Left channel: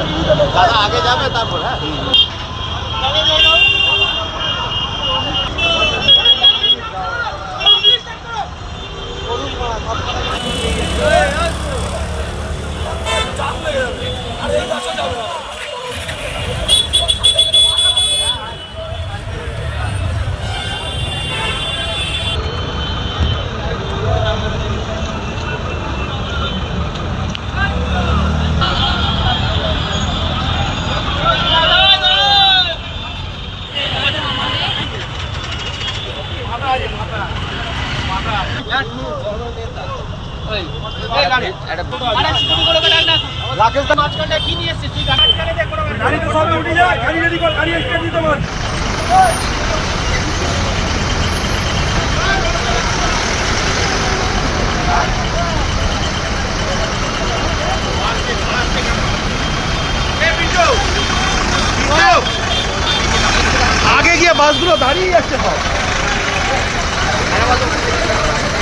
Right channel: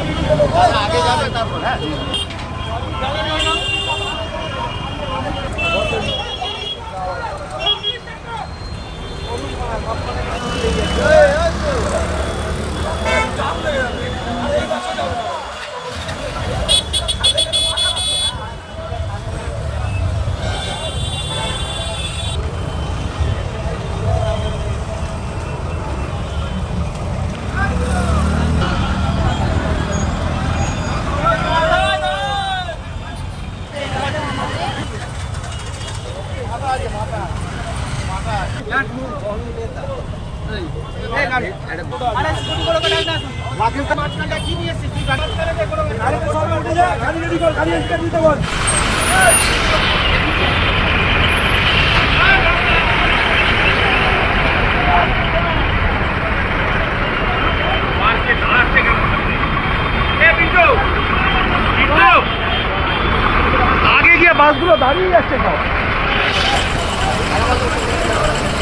आगे जाकर আগে গিয়ে বাসগুলো দাঁড়িয়ে যাচ্ছে সব।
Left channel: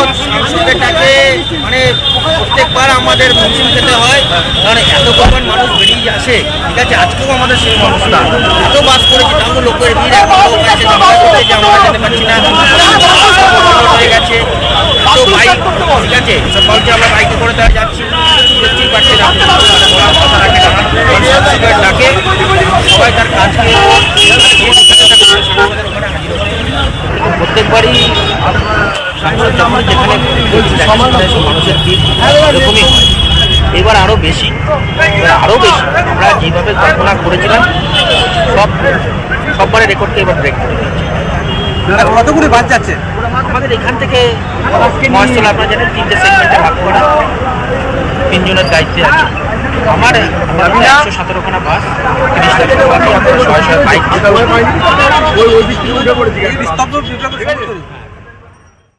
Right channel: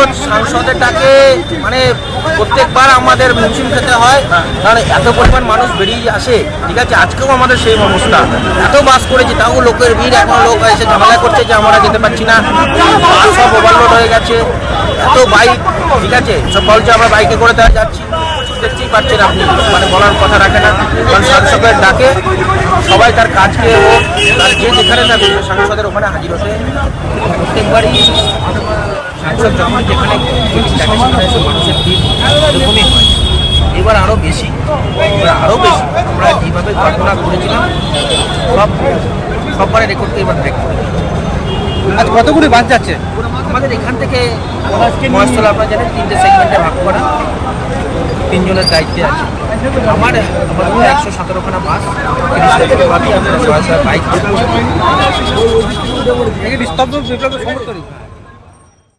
কারণ সংসদে মানে প্রত্যেকবার আমাদের মুনসিম খেতে হয়, কারণ এত পরিমাণ মানুষ বেরিয়ে আসে, ঠিক আছে? আজকেও আমাদের সেম অবস্থা। এত বাস করেছি, তাও লোকের ভিড় এখন লোক এসে ঝামেলা করছে যে আমরা যেতে পারছি না। সব ওভারলোড হয়ে গেছে। এত বাইক ঠিক আছে? সব বলছে, আমরা বাইকে করে দেওয়া যাচ্ছি। দেখতেই পাচ্ছেন আপনি মানে বলার কথা রাখে না। কারণ সাংসদের ডাকে, সবাই তার কাজকে যেখানে থাকবে সাংসদের ওখানে হাজির হতে। প্রত্যেকবারই সাংসদ যখনই যেখানে সেখানে মানুষের ভিড় এরকমই হয়। এবার আরও বেশি এবার আরও বেশি। আমরা যেভাবে কল্পনা করেছিলাম সব সববারে রেকর্ডকে এবার ব্রেক করে। আর কতগুলি বাস যাচ্ছে? আমাদের এখান থেকে মহেশতলা আপনারা জানেন তিনটে সেগমেন্টে ভাগ করা। তিনজনের দায়িত্বে আছে। আমার আমার একশো সতেরোখানা বাস তিরিশটা ছোটো বাকি আপনারা শয়ে শয়ে বাইক